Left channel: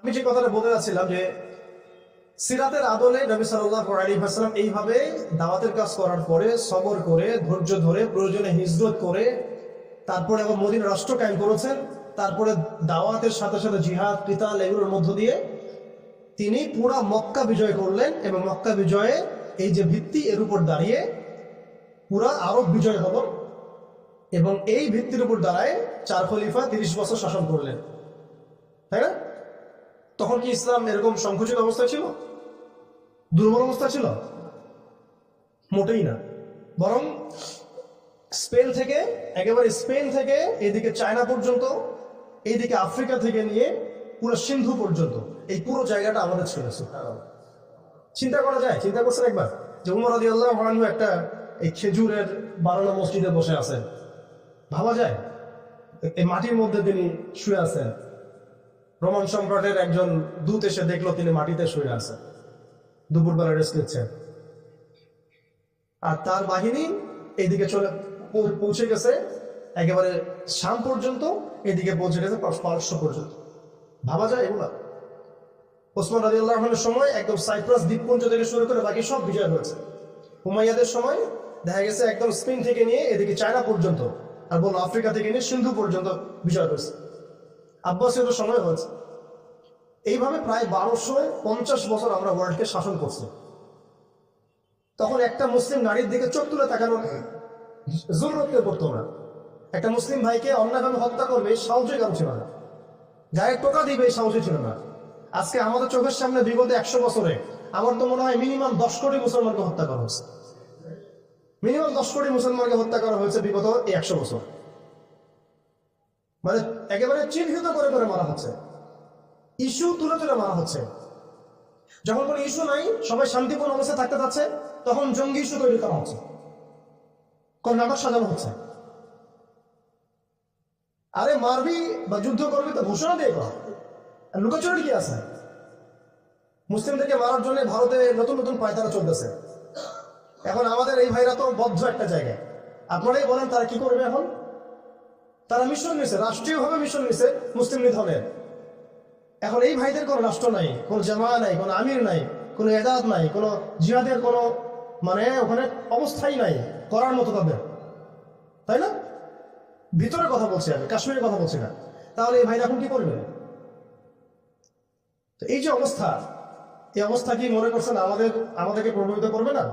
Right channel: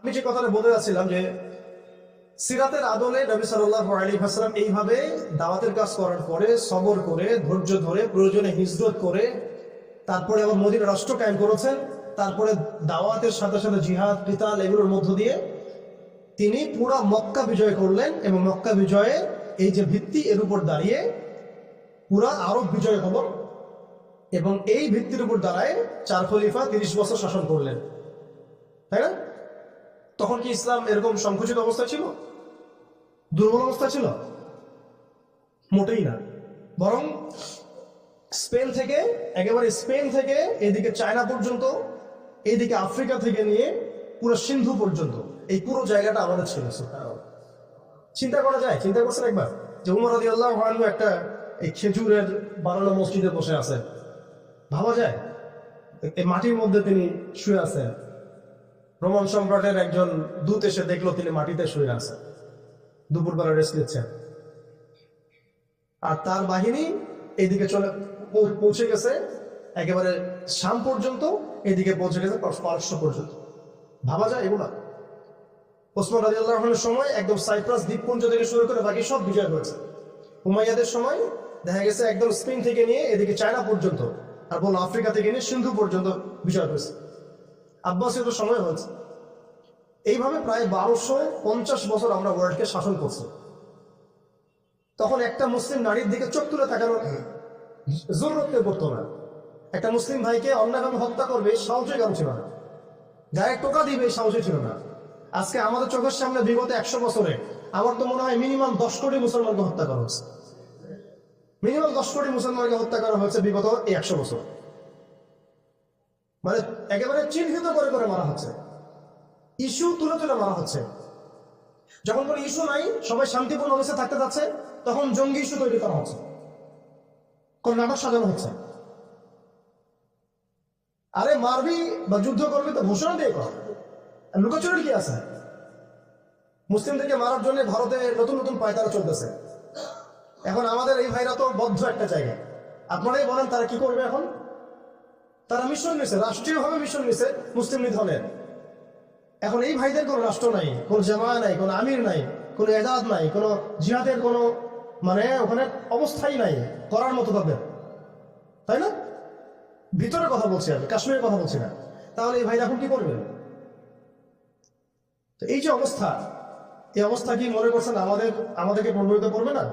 আমি যে কথাটা বলতে যাচ্ছিলাম যে সিরাতের আদলে নবী সাল্লাহ আলী হাসলাম এইভাবে দাওয়াতের কাজ করার পরে সবর করে, ধৈর্য ধরে, প্রয়োজনে হিজরত করে, তারপরে আবার মদিনা রাষ্ট্র কায়েম করেছেন, তারপরে দাওয়াতের সাথে সাথে জিহাদ পিতাল এগুলোর মধ্য দিয়ে তিনি পুরা মক্কা বিজয় করলেন এবং মক্কা বিজয়ে এই যে ভিত্তি এর উপর দাঁড়িয়ে পুরা আরব বিজয় হলো এবং এই ভিত্তির উপর দাঁড়ায় চার খলিফা তিরিশ বছর শাসন করলেন। তাই না? তখন কি ইসলাম এরকম সংকুচিত অবস্থা ছিল? দুর্বল অবস্থা ছিল? মোটেই না। বরং স্পেন থেকে, একেবারে স্পেন থেকে এদিকে চায়না পর্যন্ত এইদিকে আফ্রিকা থেকে নিয়ে পুরো সিন্ধু পর্যন্ত, এই পুরো জায়গাটা আমাদের ছিল। চিন্তা করা যায়, চিন্তা করছেন একবার যে উমর আদি আল্লাহ একটা এই খেজুরের বানানো মসজিদে বসে আছেন। ভাবা যায়? এই মাটির মধ্যে তিনি শুয়ে আছেন। রোমান সম্রাটের একজন দূত এসে দেখল তিনি মাটিতে শুয়ে আছেন দুপুরবেলা রেস্ট নিচ্ছেন। আর তার বাহিনী এইদিকে চলে পৌঁছে গেছে। একেবারে শাম পর্যন্ত, এদিকে পৌঁছে গেছে পারস্য পর্যন্ত। ভাবা যায় এগুলা? ওসমান রাজি আল্লাহনের সময় একদম সাইপ্রাস দ্বীপপুঞ্জ থেকে শুরু করে বাকি সব বিজয় হয়েছে। হুমাইয়াদের সময় দেখা গেছে একদম স্পেন থেকে নিয়ে এদিকে চায়না পর্যন্ত, আর বলল আফ্রিকা থেকে নিয়ে সিন্ধু পর্যন্ত বিজয় হয়েছে। আব্বাসীয় সময় হয়েছে। এইভাবে প্রায় বারোশো পঞ্চাশ বছর আমরা ওয়ার্ল্ডকে শাসন করছি। তখন একটা মুসলিম নারীর দিকে চোখ তুলে তাকানোর জরুরত কেউ করতো না। একটা মুসলিম ভাইকে অন্যায়ভাবে হত্যা করবে, এই সাহসই কারও ছিল না। গায়ে টোকা দিবে, এই সাহসই ছিল না। আজকে আমাদের চোখের সামনে বিগত একশো বছরে আমার তো মনে হয় মিনিমাম দশ কোটি মুসলমানকে হত্যা করা হয়েছে। মিনিমাম দশ কোটি মুসলমানকে হত্যা করা হয়েছে বিগত এই একশো বছর। মানে একেবারে চিহ্নিত করে করে মারা হচ্ছে। ইস্যু তুলে তুলে মারা হচ্ছে। যখন কোনো ইস্যু নাই, সবাই শান্তিপূর্ণ অবস্থায় থাকতে যাচ্ছে, তখন জঙ্গি ইস্যু তৈরি করা হচ্ছে। কোন নাটক সাজানো হচ্ছে। আরে মারবি বা যুদ্ধ করবি তো ঘোষণা দিয়ে কর। লুকাচুরি কি আছে? মুসলিমদেরকে মারার জন্য ভারতে নতুন নতুন পায়তারা চলতেছে। এখন আমাদের এই ভাইরা তো বদ্ধ একটা জায়গায়। আপনারাই বলেন তারা কি করবে এখন? তারা মিশন নিছে, রাষ্ট্রীয়ভাবে মিশন নিছে, মুসলিম নিধনের এখন এই ভাইদের কোনো রাষ্ট্র নাই, কোনো জামা নাই, কোনো আমির নাই, কোনো এজাদ নাই, কোনো জিহাদের কোনো মানে ওখানে অবস্থাই নাই, করার মতো তাদের তাই না? ভিতরের কথা বলছি আমি, কাশ্মীরের কথা বলছি না। তাহলে এই ভাইরা এখন কি করবে? তো এই যে অবস্থা, এই অবস্থা কি মনে করছেন আমাদের, আমাদেরকে প্রভাবিত করবে না?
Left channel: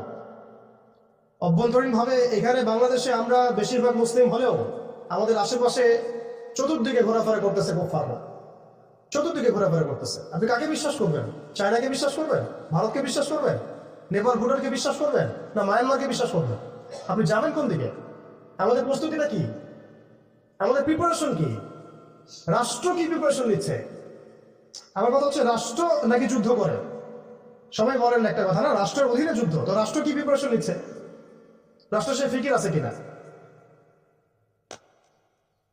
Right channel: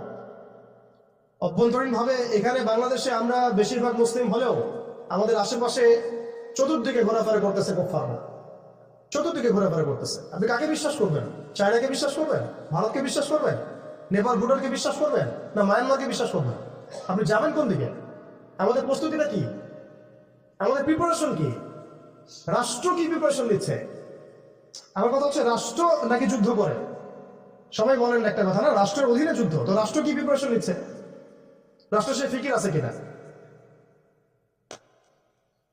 অভ্যন্তরীণভাবে এখানে বাংলাদেশে আমরা বেশিরভাগ মুসলিম হলেও আমাদের আশেপাশে চতুর্দিকে ঘোরাফেরা করতেছে কোফাররা চতুর্দিকে ঘোরাফেরা করতেছে। আপনি কাকে বিশ্বাস করবেন? চায়নাকে বিশ্বাস করবেন? ভারতকে বিশ্বাস করবেন? নেপাল ভুটানকে বিশ্বাস করবেন? না মায়ানমারকে বিশ্বাস করবেন? আপনি যাবেন কোন দিকে? আমাদের প্রস্তুতিটা কি? আমাদের প্রিপারেশন কি? রাষ্ট্র কি প্রিপারেশন নিচ্ছে? আমার কথা হচ্ছে রাষ্ট্র নাকি যুদ্ধ করে? সবাই বলেন একটা কথা না, রাষ্ট্রের অধীনে যুদ্ধ। তো রাষ্ট্র কি প্রিপারেশন নিচ্ছে? রাষ্ট্র সে ফিকির আছে কিনা?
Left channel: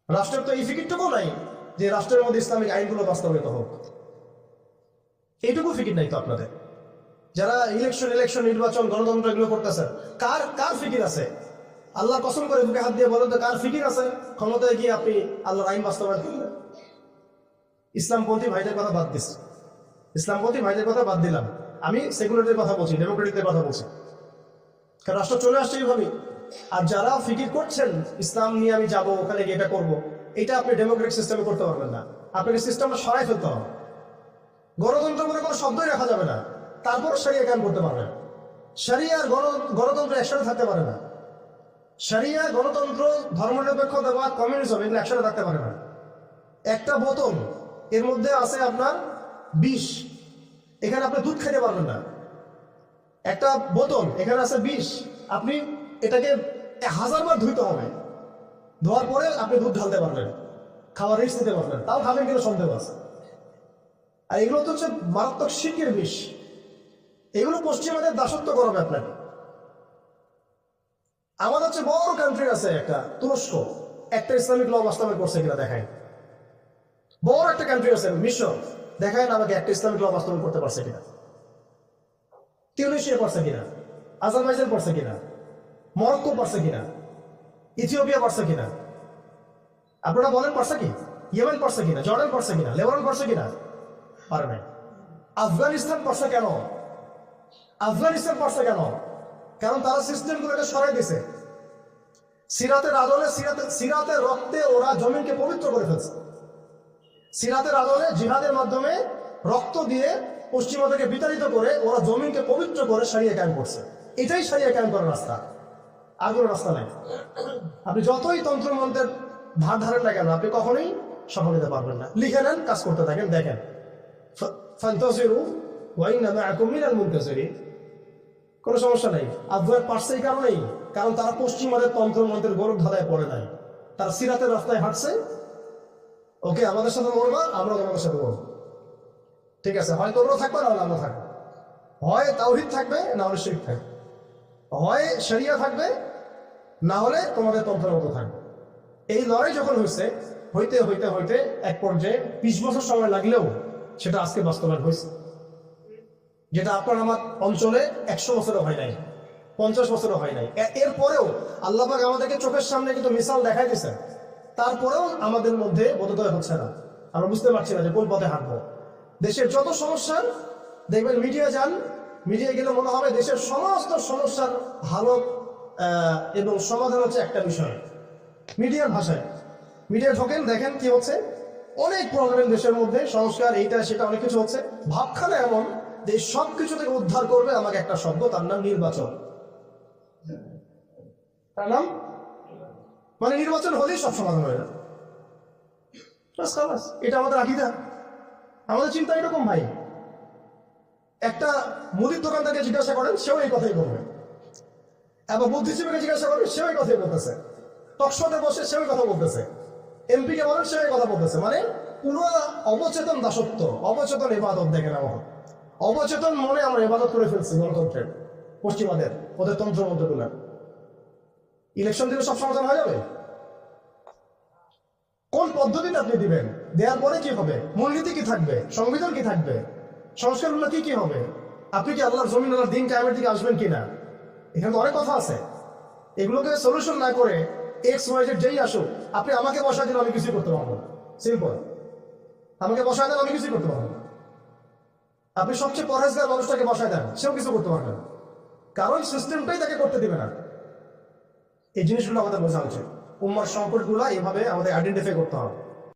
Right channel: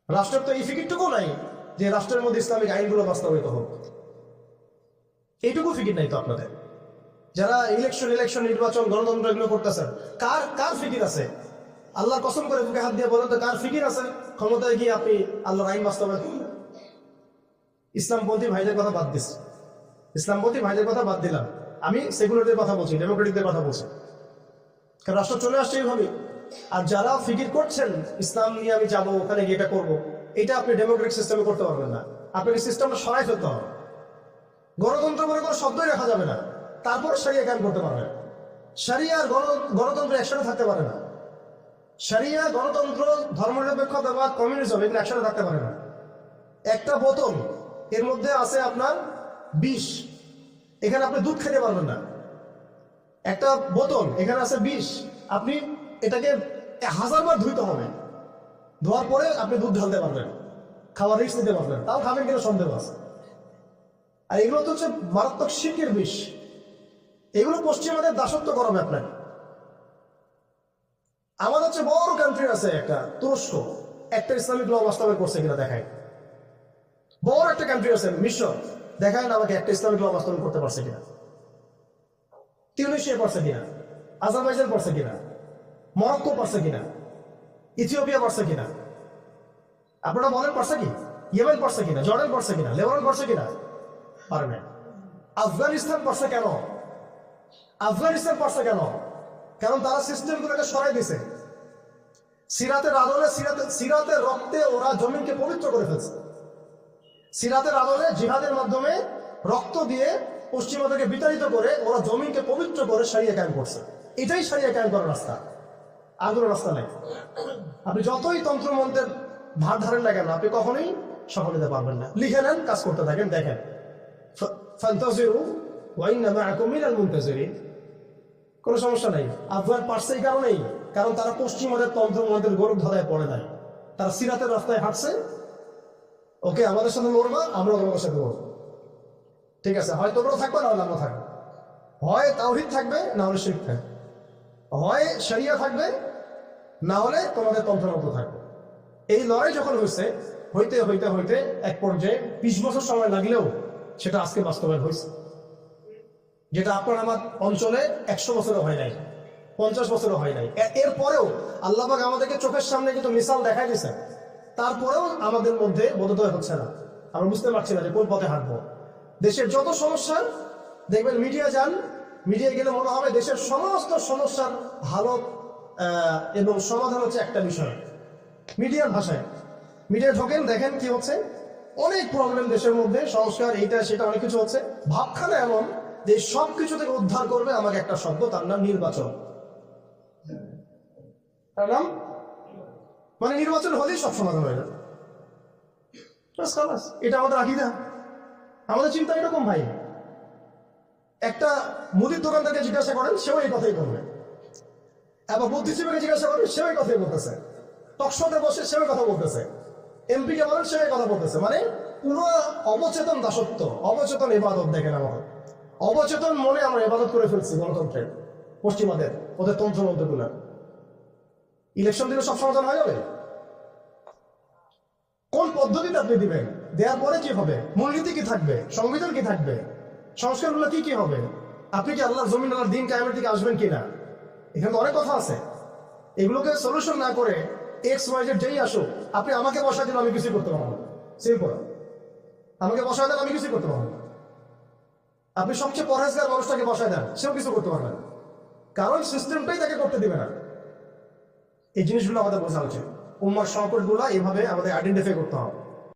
রাষ্ট্রের তো এই ফিকিরটুকু নাই যে রাষ্ট্রের মধ্যে ইসলামিক আইনগুলো বাস্তবায়িত হোক। এইটুকু ফিকির নাই তো আপনাদের। যারা ইলেকশন ইলেকশন নির্বাচন, গণতন্ত্র এগুলো করতেছেন, কার কার ফিকির আছে? আল্লাহর কসম করে বুকে হাত দিয়ে বলেন তো, কার ফিকির আছে? ক্ষমতায় গিয়ে আপনি আল্লাহর আইন বাস্তবায়ন করবেন ইসলামপন্থী ভাইদের কথা বাদ দিস। ইসলামপন্থী ভাইদের কথা বাদ দিলাম। আমি সেকুলারদের কথা বলছি, ডেমোক্রেটিকদের কথা বলছি। কারণ রাষ্ট্র চলে আসছে এইভাবেই। আর যারা ফিকির করছেন, ইসলাম নিয়ে আমি যাব, ওখানে গিয়ে এটা করব, এটা আপনি ডেমোক্রেটিক সিস্টেমে করতে পারবেন না। আপনাকে সিস্টেমটা সরাই ফেলতে হবে। গণতন্ত্র বলে কোনো শব্দই রাখা যাবে না। তারপরে সারিয়া কায়েম করতে পারবেন। সারিয়া আর গণতন্ত্র একসাথে থাকতে পারে না। সারিয়া গণতন্ত্র ধর্মনিরপেক্ষতাবাদ কমিউনিজম এগুলো একসাথে থাকতে পারে না। একটা বোতল, এর মধ্যে আছে আপনার বিষ। এখানে আপনি দুধ খেতে পারবেন না। একটা বোতল, এখানে আছে বিষ। আপনি এটাকে হাজারবার ধুইতে হবে। ধোয়ার পরে আপনি দুধ ঢালতে পারবেন। খাবার রিস্ক দিতে পারবেন। তাও খাবেন কিনা সন্দেহ আছে। আর এগুলো তো হচ্ছে মারাত্মক শিখের বিষ। এগুলো পশ্চিমাদের দাসত্ব করাবে আপনাকে আমাদের হচ্ছে বড় কান্ট্রি আছে একটা, তুরস্ক। একটা ইসলামিক ল বাস্তবায়ন করছে কিনা দেখায় বড় একটা কান্ট্রি আছে, মিশর। দেখায় আমাকে একটা ইসলামিক ল বাস্তবায়ন করতে পারছে কিনা। টিউনিশিয়া পারছে কিনা? আজারবাইজান পারছে কিনা? মরক্কো পারছে কিনা? ইথিওপিয়া পারছে কিনা? আপনারা বলেন পারছে কি? ইয়েমেন পারছে কিনা? জর্ডান পারছে কিনা? লেবানন পারছে কিনা? পারে নাই। আফগানিস্তান পারছে কেন? আফগানিস্তান পারছে কেন? কারণ তারা সিস্টেমগুলোকে সরাই দিছে সিরাতের আদলে সিরাতে, সিরাতের রক্তে ওরা জমিনকে পবিত্র করে ফেলছে। সিরাতের আদলে জিহাদের মাধ্যমে রক্ত দিয়ে পশ্চিমাদেরকে বিতাড়িত করে ওরা জমিনকে পবিত্র করে সারিয়ে কায়েম করছে। এটাই সারিয়ে কায়েম করার রাস্তা। আর কোনো রাস্তা নাই। আপনি যতই তন্ত্রমন্ত্রের ধার ধারেন না কেন, আপনি কখনোই সফল হতে পারবেন না। লিখে নেন, কাজ করতে থাকেন, দেখেন। ফান্তাজিরু কোনো সমস্যা নাই। আফগান পারছে এই কারণেই, কারণ তারা পশ্চিমাদের তন্ত্রমন্ত্রের গৌরব ধাঁধায় পড়ে নাই। তারা সিরাতের রাস্তায় হাঁটছে। ওকে, আমাদের সাথে মরবা আমরা তোমাদের সাথে মরবো ঠিক আছে, হয় তোমরা থাকবে, না হলে আমরা থাকব। হয় তাওহিদ থাকবে, না হলে শিরিক থাকবে। হয় শরিয়া থাকবে, না হলে তোমাদের তন্ত্রমন্ত্র থাকবে। এই লড়াই যখন হয়েছে হইতে হইতে হইতে এক পর্যায়ে বিশ বছর সময় লাগলেও সেটা আজকে বাস্তবায়ন হয়েছে যেটা আপনার আমার অঞ্চলে একশো বছরও হয় নাই, পঞ্চাশ বছরও হয় নাই। এরপরেও আল্লাহবাক আমাদেরকে চোখের সামনে কিন্তু মিসাল দেখাই দিয়েছেন। তারপরেও আমাদের মধ্যে বোধোদয় হচ্ছে না। আমরা বুঝতে পারছি না যে কোন পথে হাঁটবো। দেশের যত সমস্যা, দেখবেন মিডিয়া যান মিডিয়ায় গেলে মনে হবে দেশের সমস্ত সমস্যার ভালো এবং সমাধান হচ্ছে একটা বিষয়। মিডিয়ার ভাষায়। মিডিয়ায় ঢোকেন, দেখেন কি হচ্ছে। অনেক প্রবলেম দেশের মধ্যে, সংস্কার, এইটা, সেটা, অনেক কিছু হচ্ছে। ভাবখানা এমন যে সব কিছু থেকে উদ্ধার করবে আমাকে একটা শব্দ তার নাম নির্বাচন। তার নাম? মানে নির্বাচন হলেই সব সমাধান হয়ে যাবে। এটা আমাদের আকিদা। আমাদের চিন্তা এরকম, ভাই। একটা মুদির দোকানদারকে জিজ্ঞাসা করেন, সেও এই কথাই বলবে। এবং বুদ্ধিজীবীকে জিজ্ঞাসা করেন, সেও এই কথাই বলতেছে। টকশোতে বসে সেও কথা বলতেছে। এমপিকে বলেন, সেও কথা বলতেছে। মানে পুরো অবচেতন দাসত্ব, অবচেতন ইবাদত দেখেন আমার অবচেতন মনে আমরা ইবাদত করে ফেলছি গণতন্ত্রের পশ্চিমাদের, ওদের তন্ত্রমন্ত্রগুলা ইলেকশন দিলে সব সমাধান হয়ে যাবে? কোন পদ্ধতিতে আপনি দিবেন? দেওয়ার পরে কি হবে? মূলনীতি কি থাকবে? সংবিধান কি থাকবে? সংস্কারগুলো কি কি হবে? আপনি কি আল্লাহর জমিন, আল্লাহর দিন কায়েমের দিকে আসবেন কিনা? এখানে তো অনেক কথা আছে। এগুলোকে সলিউশন না করে এক্স ওয়াই জেড যেই আসুক, আপনি আমাকে বসা দিন আমি কিছুই করতে পারব সিম্পল আমাকে বসায় দেন, আমি কিছুই করতে পারব আপনি সবচেয়ে পরহেজগার মানুষটাকে বসায় দেন, সেও কিছু করতে পারবে না। কারণ সিস্টেমটাই তাকে করতে দিবে না। এই জিনিসগুলো আমাদের বোঝা উচিত। উম্মার সংকটগুলো এইভাবে আমাদের আইডেন্টিফাই করতে হবে।